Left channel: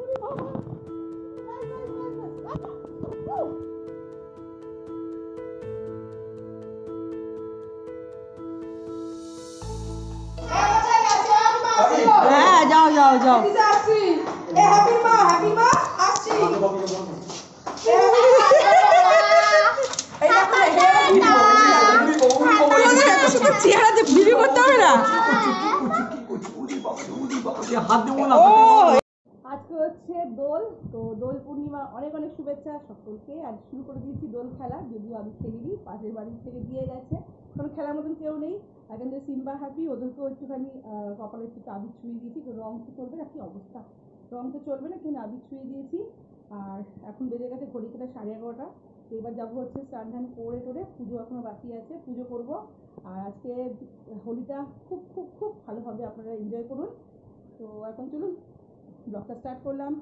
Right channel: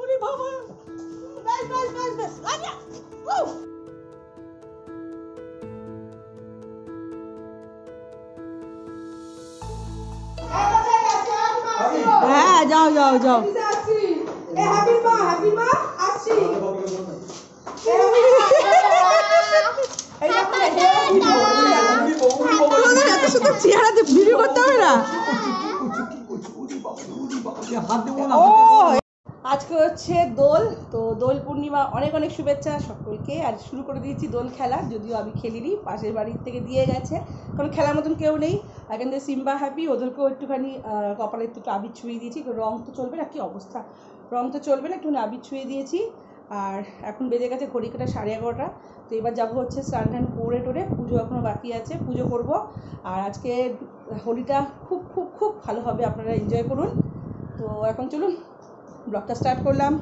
ওরে বাবা, ব্যাস ব্যাস ব্যাস ব্যাস, আচ্ছা। হ্যাঁ, যাও যাও যাও। এত সুন্দর চেহারাতে ভিডিও করতে হবে না। আজকে হচ্ছে দোল, তো দোল পূর্ণিমা অনেক অনেক শুভেচ্ছা সকলকে। আর শুরু করে দিয়েছি দোল খেলা, যদিও আমি খেলিনি, পাশের বাড়ির থেকে দিয়ে গেছে, কারণ খেলার মতন কেউ নেই। এখান থেকে সিম্বা হ্যাপি, ওদেরকেও একটুখানি কপালে একটু আবির ছুঁয়ে দিয়েছি, রং তো চলবে না, কি অবস্থা, রং তো চলবে না, একটুখানি আবির ছুঁয়ে দিয়েছি। আর এখন বেজে গেছে ঘড়ি কাটা 11:30। তো এবার যাবো হচ্ছে স্নান টান করে টোরে, পুজো এখনও বাকি আছে, পুজো করব। আর আজকে হোলিটা খুব খুব খুব ভালো হবে, আপনারা এনজয় করুন। তো এখন চলুন ব্লগটা স্টার্ট করলাম।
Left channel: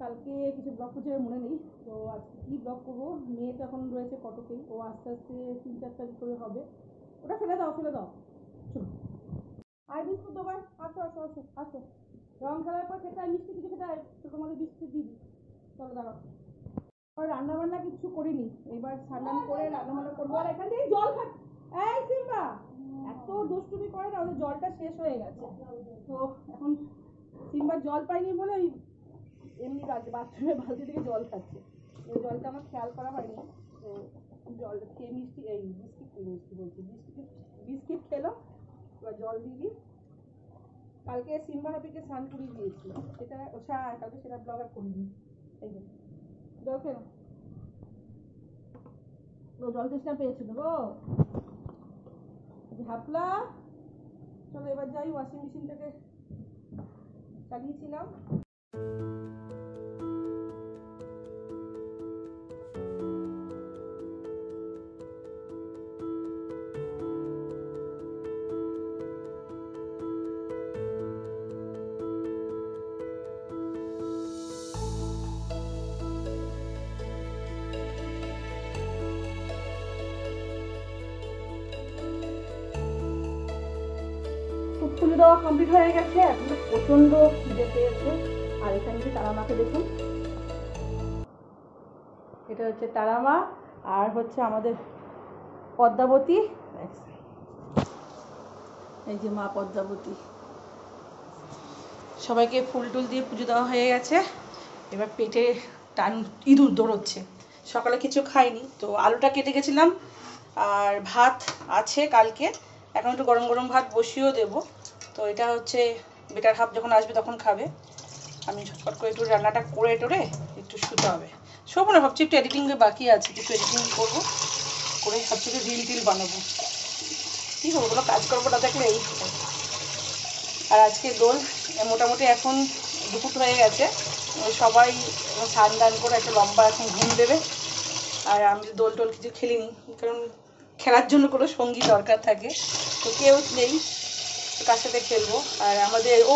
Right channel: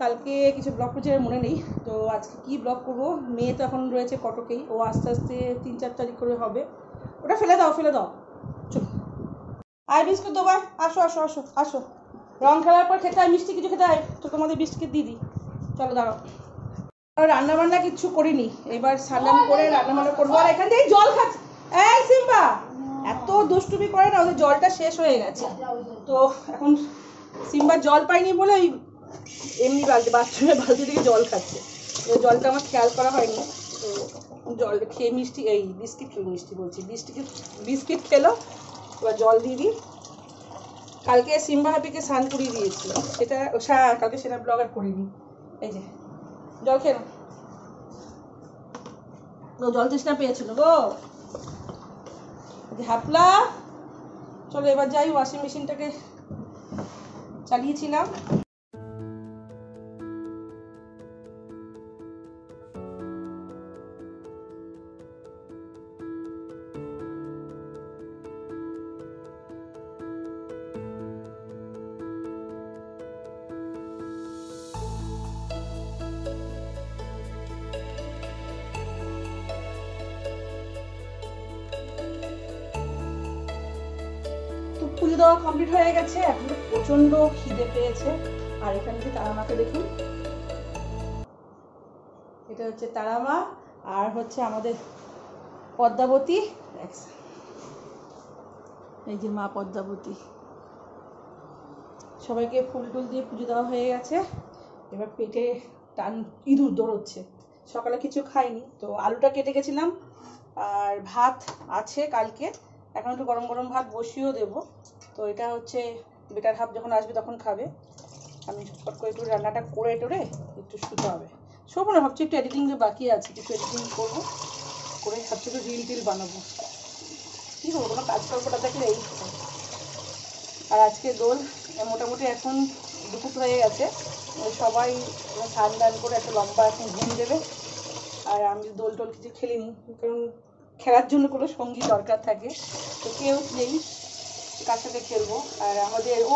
কালকে কিছু ব্লগ প্রচারের মনে নেই, তো আজকে কি ব্লগ করবো। মেয়ে তো এখন রয়েছে কটকেই, ও আস্তে আস্তে 3-4 তারিখ করে হবে। ওটা ফেলে দাও ফেলে দাও, চলো। আয় বিস্কুট দেবো, আসো আসো আসো আসো, রং খেলার পর খেতে হয় মিষ্টি, কিছু খেতে হয় তো তোমাদের বিস্কিট দিয়ে দিই, চলো দাঁড়াও। আর রান্নাবান্না কিচ্ছু করিনি, এবার স্নান করে রান্নাবান্না করবো। আর এখান থেকে জল খাচ্ছে, এই সিম্বা এত দুষ্টুমি করে না, ওদের জলটা শেষ হয়ে গেছে। তো এখন সিম্বা জল পাইনি বলে ওই এমনি বালতি, বাথরুমে বালতি থেকে জল খাচ্ছে। জলটা আমার খেয়াল করা হয়নি, তো জল খেয়ে মিষ্টি, এই বিস্কিট মিষ্টি বলছি, বিস্কিট খেলো। এবার জল দিয়ে দিই। কালকে সিম্বা হ্যাপিকে স্নান করিয়ে দিয়েছি, সেটা কালকে সেটা ব্লগ আর করিনি। এই যে জল খেয়ে নাও, জল তৃষ্ণা পেয়েছিল গো হাপলা। চলো এবার যাই, ওয়াশিং মেশিনটাকে চালিয়েছিলাম। পুজো দেওয়া কমপ্লিট হয়ে গেছে, এখন প্রচন্ড খিদে পেয়েছে। আর এখানে যে তারামাকে দেখুন, এটা হচ্ছে তারামা, আর হচ্ছে আমাদের পদ্মাবতী, এই যে মা পদ্মাবতী। সবাইকে ফুল টুল দিয়ে পুজো দেওয়া হয়ে গেছে, এবার পেটে টান ইঁদুর দৌড়চ্ছে। সকালে কিছু খাইনি, তো আলুটা কেটে গেছিলাম, আর ভাত আছে কালকে, এখন একটু গরম গরম ভাত বসিয়েও দেবো। তো এটা হচ্ছে বেটার হাফ যখন আসবে তখন খাবে। আমি ঝটপট করে একটু রান্নাটা করে টোরে একটু শুতে হবে। শোবো না, ভাবছি একটু এডিটিং বাকি আছে, কিছু এডিটিং করবো, করে ভাবছি একটু রিল টিল বানাবো। কী করবো, কোনো কাজ করবো না থাকলে এই। আর আজকে দোল, মোটামুটি এখন দুপুর হয়ে গেছে, সবাই স্নান দান করে একটা লম্বা এখন ঘুম দেবে। আর আমি দোল টোল কিছু খেলিনি, কারণ খেলার জন্য কোনো সঙ্গী দরকার থাকে, তো কেউ নেই, কার সাথে খেলবো। আর আমাদের ও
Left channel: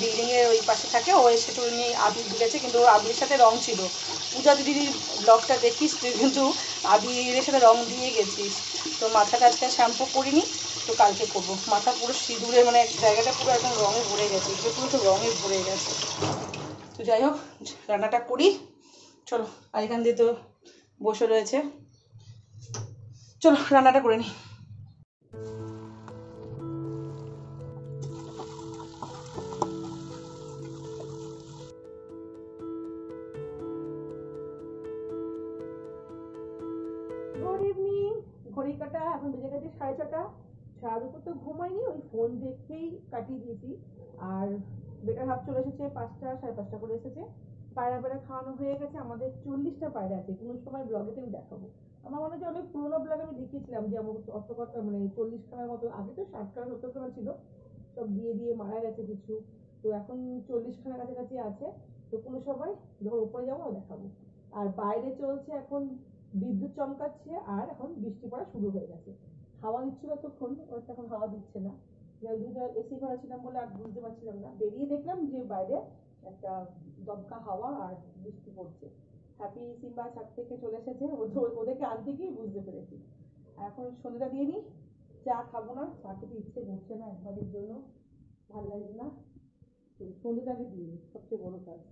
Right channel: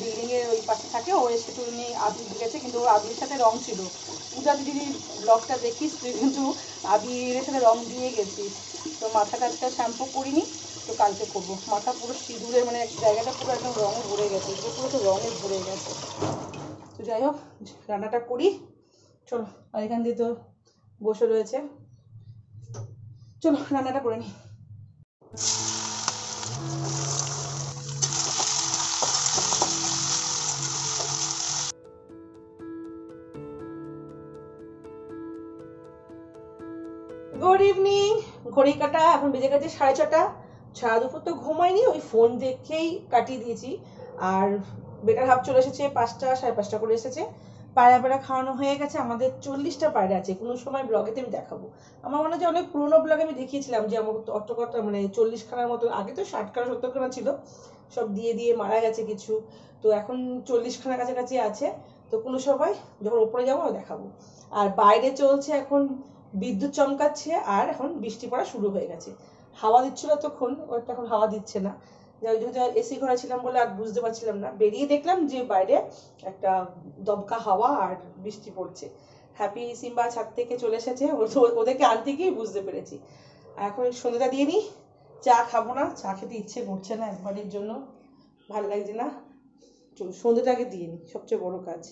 বিল্ডিংয়ের ওই পাশে থাকে, ও এসে একটু নিয়ে আবির দিয়েছে, কিন্তু ওর আবিরের সাথে রং ছিল। পূজা দিদির ব্লগটা দেখিস তুই, কিন্তু আবিরের সাথে রং দিয়ে গেছিস। তো মাথাটা আজকে শ্যাম্পু করিনি, তো কালকে করবো। মাথা পুরো সিঁদুরে, মানে জায়গাটা পুরো একদম রঙে ভরে গেছে, পুরো তো রঙে ভরে গেছে। তো যাই হোক, রান্নাটা করি চলো। আর এখান দিয়ে তো বসে রয়েছে, চলো রান্নাটা করে নিই। গুড ইভিনিং, ঘড়ি কাটা এখন বেজে গেছে 6:30। সারা দুপুর তো ঘুমাইনি, ওই ফোন দেখেই কাটিয়ে দিয়েছি। আর বেটার হাফ চলে এসেছে 5টা 5:30 করে এসেছে। পায়রা খাওয়ানো হয়ে গেছে, আমাদের 40টা পায়রা আছে, কোনো সময় ব্লগেতে আমি দেখাবো। আমার মনে হয় অনেক পুরোনো ব্লগে আমি দেখিয়েছিলাম যে আমার অত কত, মানে 40খানার মতো, আগে তো 60খানা 70খানা ছিল, সব দিয়ে দিয়ে মারা গেছে কিছু, তো এখন 40খানা কাছাকাছি আছে। তো কোনো সময় যখন ওপরে যাবো দেখাবো। আর বাইরে চলছে এখন বিদ্যুৎ চমকাচ্ছে, আর এখন বৃষ্টি পড়া শুরু হয়ে গেছে। হাওয়া দিচ্ছিল তখন, ওটা এখন হাওয়া দিচ্ছে না। যেহেতু এসি ঘরে ছিলাম বলে আর বুঝতে পারছিলাম না, বেরিয়ে দেখলাম যে বাইরে একটা দমকা হাওয়া আর বৃষ্টি পড়ছে। হ্যাপি সিম্বা ছাদ থেকে চলে এসেছে, ওদেরকে আনতে গিয়ে বুঝতে পেরেছি। এখন সন্ধ্যাটা দিয়ে নিই, চা খাবো না, চা খেতে ইচ্ছে করছে না একবারের জন্য, ভালো লাগছে না। চলো সন্ধ্যেটাকে দিয়ে নিই, সবচেয়ে বড় কাজ।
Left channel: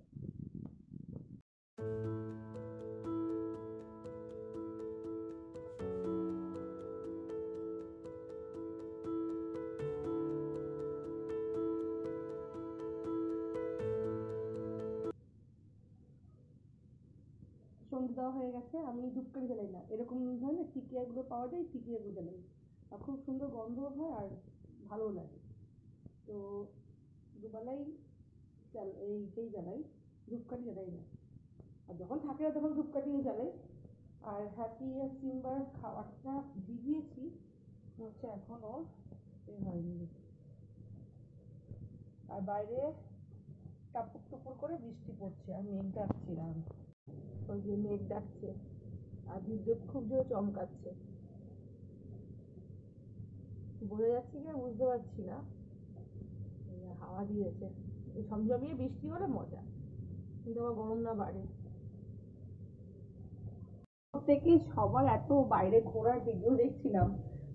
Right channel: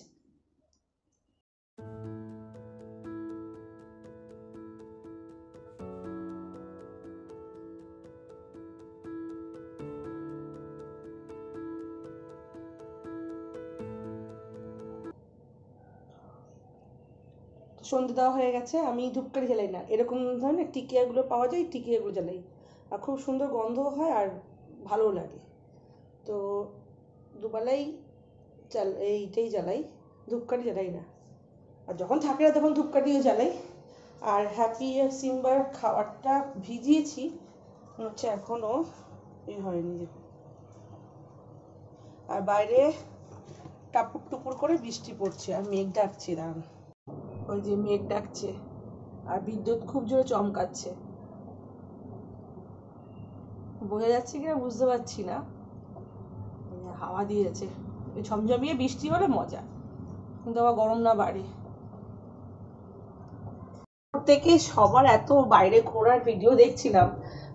সন্ধে দেওয়া হয়ে গেছে। আমি ধূপকাঠি জ্বালাই না, এরকম ধরনের টিকিয়াগুলো পাওয়া যায়, টিকিয়াগুলো জ্বালাই, আর খুব সুন্দর গন্ধ হয় আর ভালোও লাগে। তো দুবেলাই এইটাই জ্বালাই, ধূপকাঠি জ্বালাই না। আর যখন থাকে না তখন ধূপকাঠিও জ্বালাই। আর হ্যাপি আর সিম্বার খাবারটা ভিজিয়েছি হচ্ছে এখনো হয়নি। আর বাইরে টাপুর টুপুর করে বৃষ্টি পড়ছে আর মেঘ ডাকছে, দাঁড়ান, ওই যে মেঘ ডাকছে আর বিদ্যুৎ খুব জোরে চমকাচ্ছে। বোঝা যাচ্ছে কিনা বুঝতে পারছি না, হাওয়া দিয়েছে। ঝমঝমিয়ে বৃষ্টি হলে মজা, কিন্তু আবার গরম না বাড়ে। থেকে সবার এত বাইরে ঘোরার ভিডিও দেখছিলাম,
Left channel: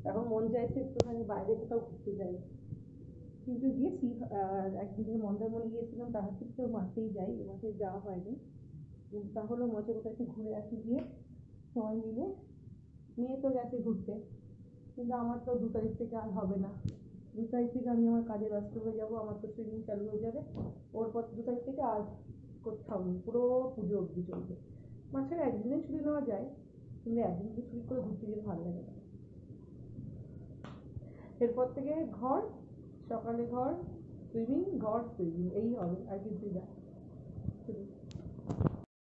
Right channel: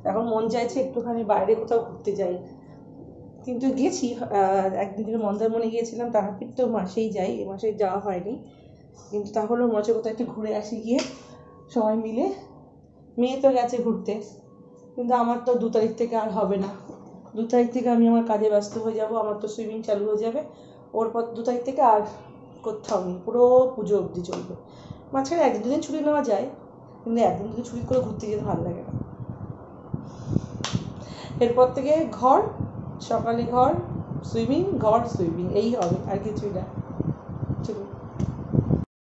এখন মন চাইছে একটুখানি বাইরে কোথাও ঘুরতে যাই। কিন্তু গেছি একদিন মন্দারমণি গিয়েছিলাম, তারাপীঠ তো মাসেই যাই, এ মাসে যাওয়া হয়নি। কিন্তু তাহলেও মজা কোথাও একটু ঘুরে আসি গিয়ে সবাই মিলে। মেয়ে তো গেছে ঘুরতে, কিন্তু আমার তো 2 তারিখ থেকে আর হবে না। 2 তারিখ থেকে আমি আমার কাজে ব্যস্ত হয়ে যাব, আমার তো সুইমিং চালু হয়ে যাবে। ওর পর 2 তারিখ থেকে আর কোথাও নেই, পুরো পুজো অবধি চলবে। মাঝখানে 1-2 দিন ছুটি নেওয়া যায়, কিন্তু 1-2 দিন ছুটি করে ঘুরতে যেতে ভালো লাগে না। এরপর থেকে ঘর, সকালে ঘর, সুইমিং, ঘর, সুইমিং, এই হবে, আর কিছুই না। চলুন।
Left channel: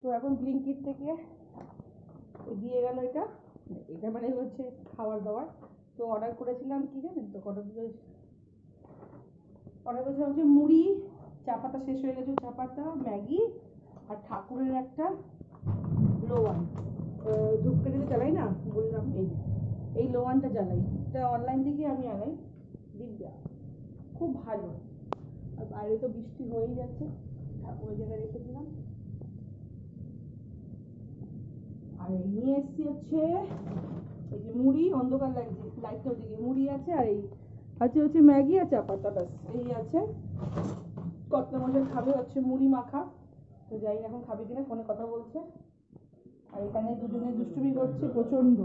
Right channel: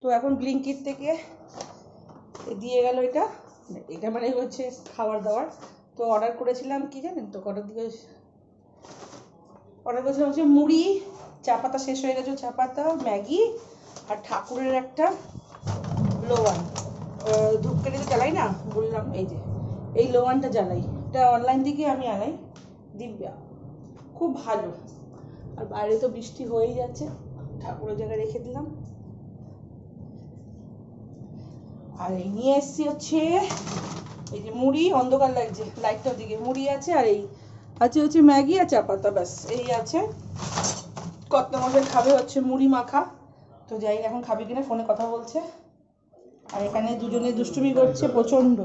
তো এখন ব্লিঙ্কিট থেকে দিয়ে গেল এটা, এটা মানে হচ্ছে খাবার দাবার। তো অর্ডার করেছিলাম কি জানেন তো, অর্ডার করেছিলাম হচ্ছে মুড়ি, চা পাতা শেষ হয়ে গেছে, চা পাতা, ম্যাগি, আর ঠাকুরের একটা লোয়ান। ধূপকাঠি তো জ্বালাই না বললাম, এই যে এই লোয়ানটা জ্বালাই, এটা অনলাইন থেকে আমি আনাই, দিব্যা, খুব ভালো। আর বাইরে তো বৃষ্টি হয়েই যাচ্ছে, ঠাকুরের জায়গায় রেখে দিলাম। আর এই নিয়ে এসছি হচ্ছে এই যে মুড়ি, অন্ধকার লাগছে লাইটটা ওদিকে, মুড়ি আছে, আর এই আছে হচ্ছে ম্যাগি আর চা পাতা, ব্যাস এই আছে। কর্তামশাই খাবে হচ্ছে মুড়ি মাখা, তো যাই এখন খাবে কিনা, ফোনে কথা বলছে। আর এখানে দুজনে দুষ্টুমি করছে প্রচন্ড,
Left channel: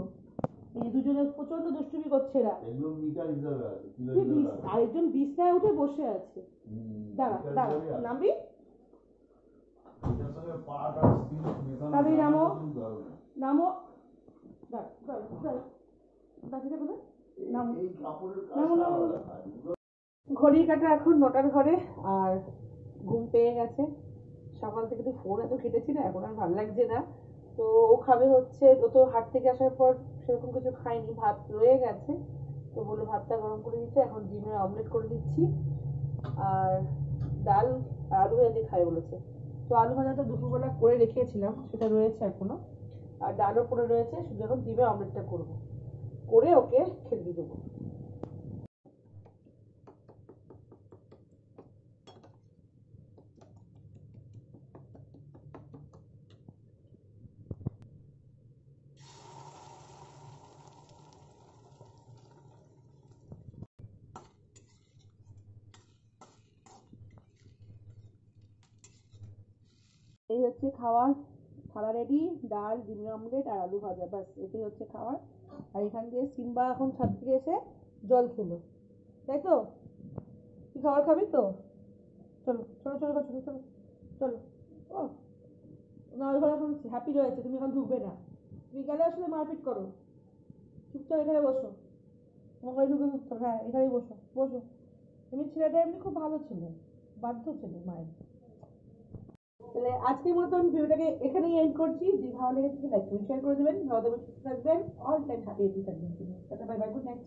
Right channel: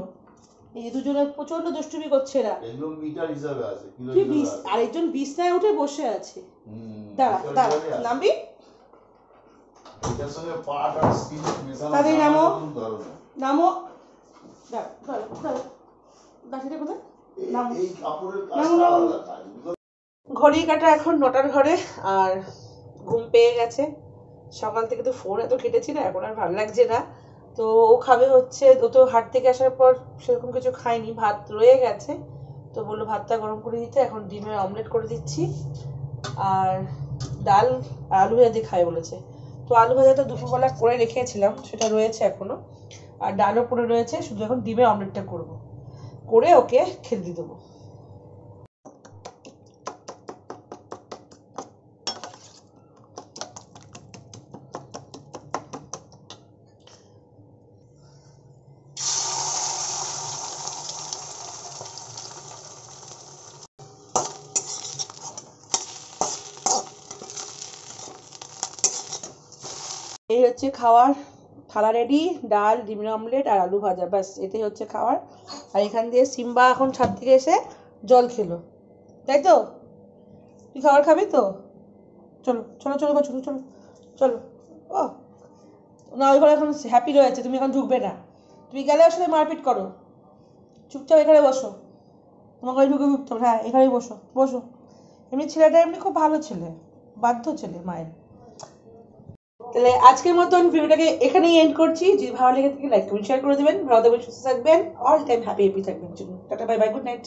এই যে দুজনে প্রচন্ড দুষ্টুমি করছে এরা। এগুলো মিটার হিসাবে আছে, কি আরেকজন বিছনায় উঠে বসে আছে। দাঁড়া দাঁড়া, নামবি, এটার সঙ্গে পাট আর স্টিল মেশানো, তাদের নামো নামো, দাঁড়া দাঁড়া দাঁড়া, দাঁড়িয়ে কোথায় নাম, এই কাপড়ের কাজটা আলাদা কাজ। ঘড়ি কাটা এখন 9টার ঘরে, আর ঘুম পেয়ে গেছে। সকাল থেকে তো ফোন এত কেটেছি না, এখন আর ভালো লাগছে না। তো ও খাবে হচ্ছে, ও তো হাট থেকে আসার পর সেরকম কিছু খায়নি, ভাত রয়ে গেছে, তো বললো ভাতটা গরম করে দিতে, এখন ডিমের অমলেট করে দিচ্ছি। আর ডাল আলু ভাজা দিয়ে খাবে বলেছে, তো আলু ভাজাটা দুপুরবেলা করে রেখেছিলাম, সেটা রয়েছে এখনো, আর ডালও পড়ে রয়েছে, শুধু এখন ডিমের অমলেটটা করবো, করে ওকে খেতে দিয়ে দেবো। এই হচ্ছে খাওয়ার থালা রেডি, ডাল, ডিমের অমলেট আর আলু ভাজা, ব্যাস এটাই হচ্ছে খাওয়ার। আর এখান দিয়ে সিম্বা এখন ছাদ থেকে এসে জল খেলো, তাই তো? তুই খাবার খাবি তো? চলো চলো চলো চলো চলো চলো। ও না, ওই ঘরে এখন হ্যাপি রয়েছে, তুমি এখন ঢুকবে না, তুমি গেলে ওর সাথে মারপিট করো। চুপচাপ এখানে বসো, তোমার ঘরে ঢুকে ঢুকতে হবে, হ্যাঁ এখানেই বসো বসো। এমনি ছেলেটা এমনি খুব ভালো ছেলে, বাধ্য ছেলে মায়ের। তাহলে আজকের মতন ভিডিওটাকে এখানেই এন্ড করছি। যদি ভালো লেগে থাকে লাইক কমেন্ট শেয়ার করে দেবেন। ভালো থাকবেন, সুস্থ থাকবেন, অল টাইম হ্যাপি থাকবেন জন্য। Tata, bye bye, good night.